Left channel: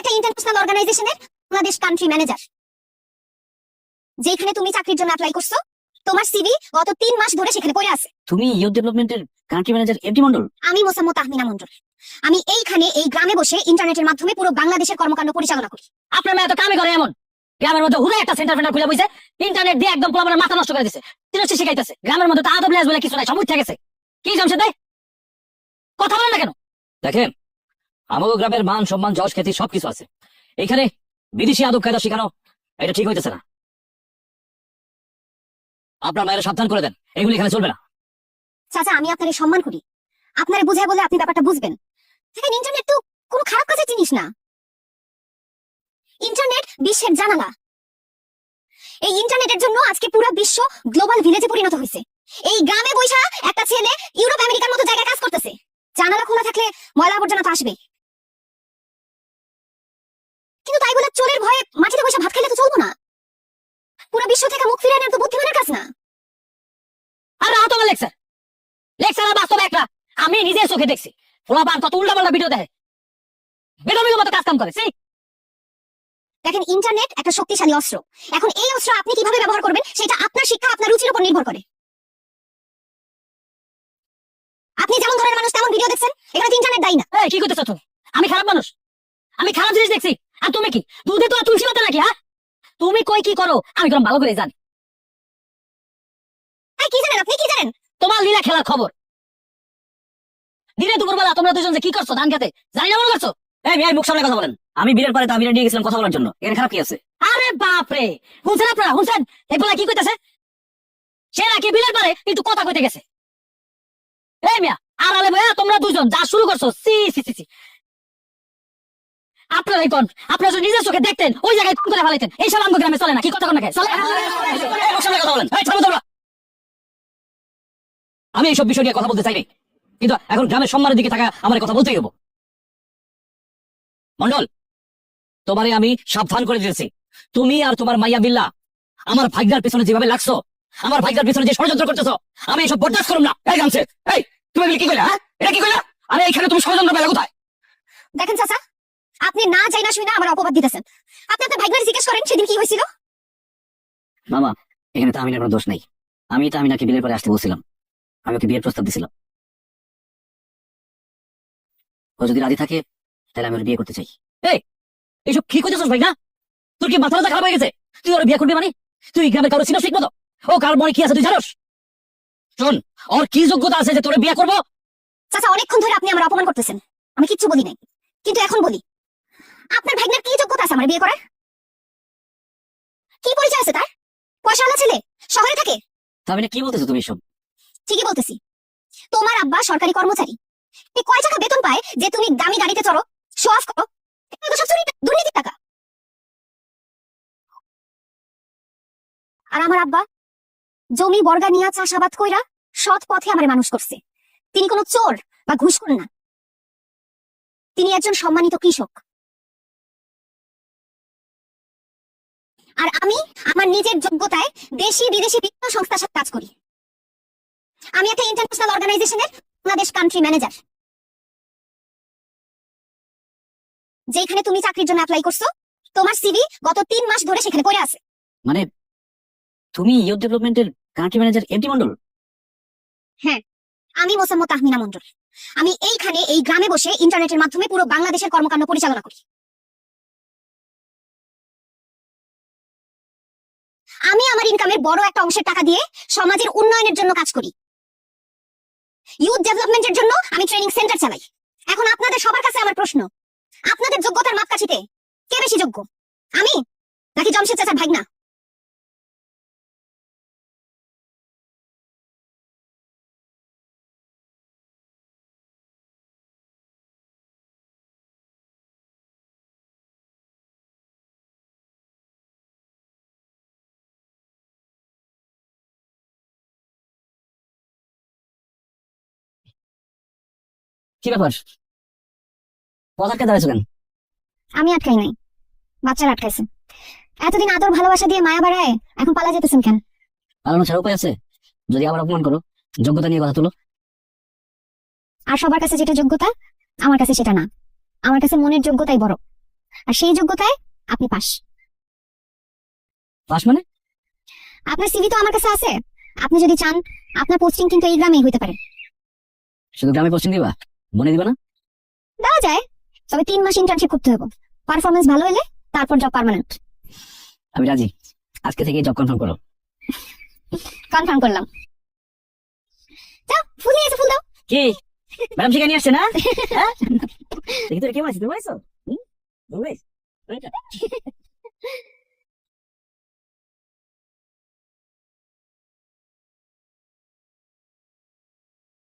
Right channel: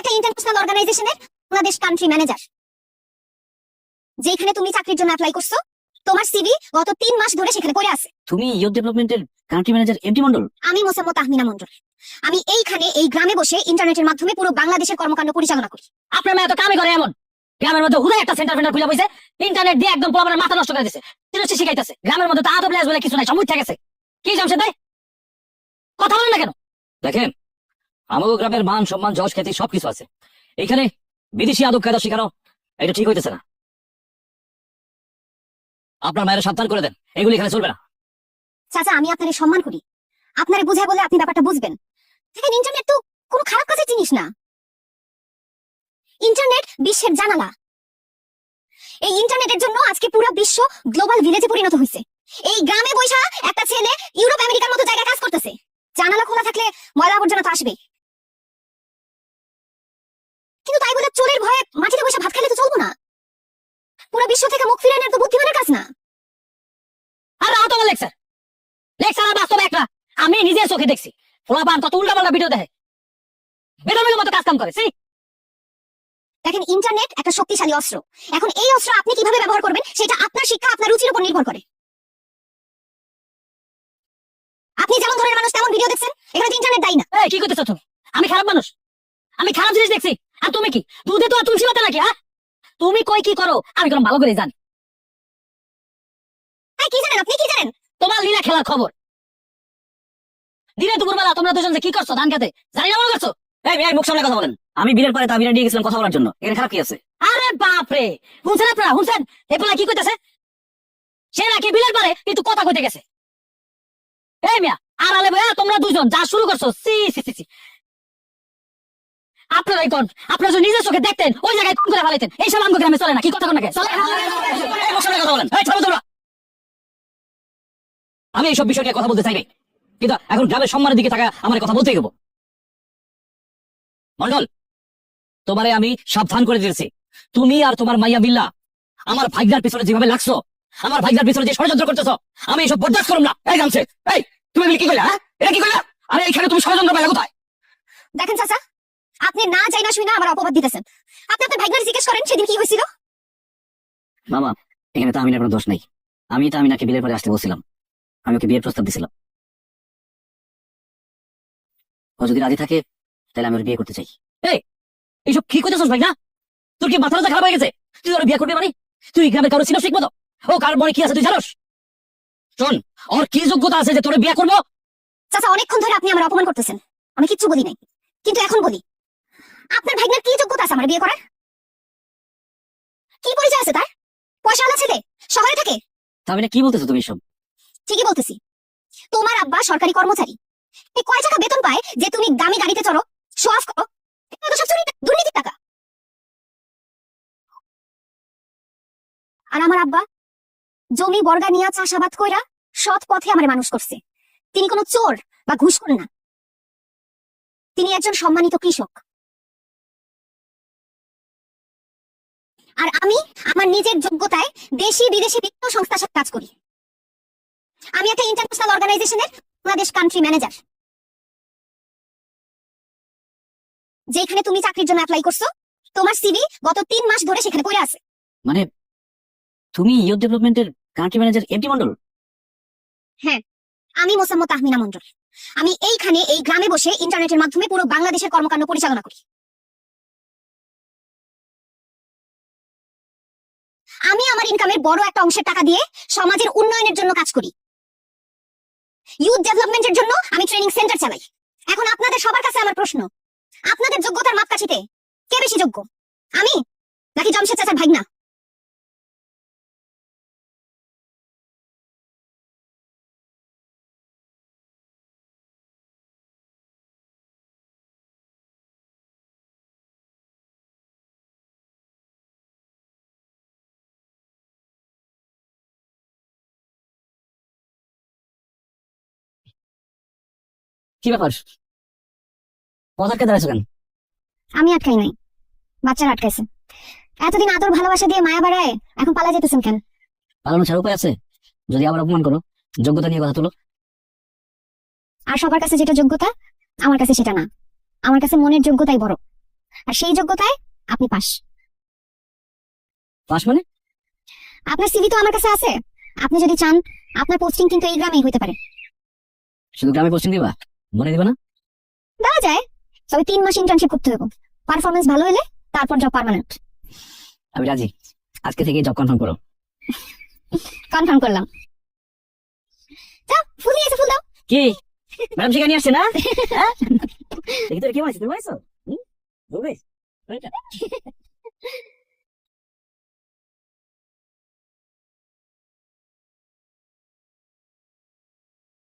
একটা ইন্টারন্যাশনাল অর্গানাইজেশনের Bangladesh country manager যেখানে তুমি চাকরির জন্য অ্যাপ্লাই করছ। তোমার সিভি গত তিন মাস ধরে সেখানে পড়ে আছে। তুমি ইউথ ডেভেলপমেন্টের কান্ট্রি ম্যানেজার এমডি মন্ডল আমি মোসাম্মত আহমিনা মন্ডল আমি এইখানে এই গ্রামে বসে ইন্টারনেটের মাধ্যমে পুরো বাংলাদেশের কর্মকাণ্ড পরিচালনা করি। আপনার মেয়ে তো কামই করে এমন। গ্রামের মধ্যে হুদে একটা সেন্টার ফেন্টার খুলে বইছে। ইন্টারনেট দিয়ে একদম পোলাপানের মাথা নষ্ট করে দিছে। তিন হচ্ছে শিখাইতেছে। গ্রামের মধ্যে তো আদব লেজ বলে কিছু নাই সময় গেছে। কি জমছে তাই কথা বলেন না কেন? দেখেন আমাদের গ্রামের মান সম্মান, যশ, খ্যাতি সবকিছু আছে। এখানে বিদেশি আদব কায়দা শেখানো, এটা ঠিক হইতেছে না। আপনার মায়ের সাবধান করে দেন, এগুলি এখানে চলবে না। চাচা, আমি আপনারে সম্মান করি। আপনারে বুঝায় বলে আপনি ব্যাপারটা বুঝবেন। ইন্টারনেট তো কোনো খারাপ কাজের জিনিস না। ইন্টারনেট বিশ্বের জানালা। এই ইন্টারনেটের জন্য আজকে পুরো বিশ্ব গ্লোবাল ভিলেজে পরিণত হয়েছে এই গ্রামে বৈশা একটা ছেলে ইউরোপ আমেরিকার মতো জায়গায় কাজ করতেছে। জানালা খোলা থাকলে ময়লা আবর্জনা তো আসবেই। তাই বলে চোরের ভয়ে মাটিতে বসে ভাত খেলে তো চলবো না। পুরো বিশ্ব থেকে মুখ ফিরানোর তো বুদ্ধিমানের কাজ না। আর তোমার লেকচার। লেকচার আর বাস্তব একটা। আমি নিজে চোখে দেখছি। পোলাপান কত উল্টা পাল্টা ভিডিও দেখে। বেদমের মতো কাজ কাম করে সেই দেখেন ইন্টারনেট একটা শক্তিশালী অস্ত্র। এখন এই অস্ত্র আপনি কীভাবে ব্যবহার করবেন সেটা আপনার শিক্ষা আপনার রুচির উপর নির্ভর করে। আপনি যেমন ধরনের মানুষ তেমন ভিডিও দেখছেন এখানে ইন্টারনেট দায়ী না। এই কি করতেছ তুমি? আমি খারাপ মানুষ। আমি খারাপ জিনিস দেখছি। আর তুমি কি? দুধে তো তুলসী পাতা নাকি হ্যাঁ? তুমি কই কি করো? আমি কোনো ভালো করে জানি। কি জানেন আপনি? কি জানেন? তোমার লীলা খেলার খবর। দিনে তোমরা দুজন যে কি করছ, ধান জানি না করছ? আরে সে নাকি পারে কথা কইতে গেছে। আড়ালে ভাইয়া তোমরা দুজন যা শুরু করছ সি সি। আপনারাই কোন? আপনারা যদি নিজের চোখে দেখতেন ওই জায়গায় খুন করে ফেলাইতেন। এই সব গ্রামে চলে না কি কথা কোন নাকি? চলে। এই কথা বলেন। এই থামো তোমরা। আমি এইসব বিষয় নিয়ে কথা বলতে চাইনি। কিন্তু এখন গ্রামের সম্মানের দিকে থাকা আমার কথা বলতেই হব। মন্ডল তোমারে আমি সাবধান করে দিয়েছি। তুমি আর তোমার মাইয়া বিল্লা আমার ভাইজার পেছনে যেভাবে লাগছো আমার ভাইজার পেছনে যে ষড়যন্ত্র করতেছো আমি এইসব বরদাস্ত করুম না। এই গামছে এই তুমি কি কইলা হ্যাঁ? এটা কি কইলা? আরে এখানে তুমি ষড়যন্ত্র পাইলা কোথায়? দেখেন চাচা আপনি না চাই না শুই না আমার অপবাদ দিতেছেন। আপনি আপনার ভাইগনার জিজ্ঞেস করেন সেদিন কি হয়েছিল? বাবা এখানে তো আমিনার কোনো দোষ নেই। আমি তো আমিনাকে বিলের পরে আসতে বলছিলাম। আমি ওকে বিয়ের প্রস্তাব দিছিলাম। ও যদি রাজি থাকে তাহলে আমি ওর বিয়ে করতে চাই। এই এইসব কি করতেছস ভাই না তোর কি মাথা খারাপ হয়ে গেছে? তুই ওর বিয়ে করবি মানে? তুই গ্রামে কারও ছিল ঠিক মতো? ও কার মনে কি আছে তুই জানোস? শোন ওর কি যোগ্যতা আছে যে তোর বিয়ে করব? চাচা অনেকক্ষণ ধরে আপনি আমার অপমান করতেছেন। আমি কিচ্ছু বলি নাই। কিন্তু এখন বলি। আপনার ভাইগনার কি যোগ্যতা আছে আমার বিয়ে করার? কি পরিচয় আছে তার? পয়সাওয়ালা ছেলে? শহরে থাকে? তা আমি না কি বলতেছো তুমি এসব? ঠিকই বলতেছি। তোমার আব্বা সরকারি কর্মচারী। এ কয় টাকা বেতন পায় যে তুমি দামি গাড়িতে চড়ো শো অফ করো সব চুরি দুর্নীতির টাকা। আর আমার আব্বা জমি বর্গা নিয়া চাষাবাদ কইরা সৎ পথে আমার মানুষ করছে। তিনি কোনো চোর বা ঘুষখোর না। তিনি একজন সম্মানিত কৃষক। আর আমি আমার নিজের যোগ্যতায় দেশি বিদেশি বিভিন্ন সংস্থার সাথে কাজ করি। আমি একটা ইন্টারন্যাশনাল অর্গানাইজেশনের বাংলাদেশ কান্ট্রি ম্যানেজার যেখানে তুমি চাকরির জন্য অ্যাপ্লাই করছ তোমার সিভি গত তিন মাস ধরে সেখানে পড়ে আছে। মানে তুমি ইউথ ডেভেলপমেন্টের কান্ট্রি ম্যানেজার এমটি মন্ডল? হ্যাঁ আমি মোসাম্মত আহমিনা মন্ডল। আমি এইখানে এই গ্রামে বসে ইন্টারনেটের মাধ্যমে পুরো বাংলাদেশের কর্মকাণ্ড পরিচালনা করি। আমি আমার ইনকামের বড় একটা অংশের টাকা দিয়ে সমাজের উন্নয়নের জন্য কাজ করি। ইউথ ডেভেলপমেন্টের জন্য আমি ট্রেনিং সেন্টার চালাই। এখন আপনাদের সবার কাছে আমার প্রশ্ন, আপনাদের যোগ্যতার মাপকাঠিতে কে বেশি যোগ্য? আমি নাকি জমশেদ চাচার ভাগনা কি ব্যাপার? পদার্কে দাঁড়িয়েছিলেন আমি আটকাই নাই। বাচ্চারা আটকাইছেন এতদিন আদর ভালোবাসা দিয়ে মায়া বাড়ায় এখন পালা যেতেছেন কেন? পালানো ছাড়া উপায় আছে? যদি আবার অপমান করো যোগ্যতা নিয়ে কথা তোলো। আর সবার কাছে যেটা যোগ্যতা আমার কাছে সেটা না। আমার কাছে মনের যোগ্যতাই বড়। আর সেই যোগ্যতায় আপনি পাস। পাস মানে? আপনার সিভি তো আমার কাছে আছে। আপনি যদি চান আপনার পোস্টিং কিন্তু এই গ্রামেই হইতে পারে। শুধু গ্রামে পোস্টিং দিবা? মনে দিবা না? দেওয়া যায়। তবে তিন মাস ইন্টার্নশিপ করতে হবে। পারফরমেন্স ভালো হলে তারপর জব পার্মানেন্ট আমি রাজি। আজকে থেকে জব কনফার্ম করো। কনফার্ম করলাম। যাও ফুল নিয়ে এসে ফুল দাও। কি? ম্যাডাম নিয়ে আসছে না? হ্যাঁ? দেখি তো কি মাইছে তুমি হুম? দৌড়ে?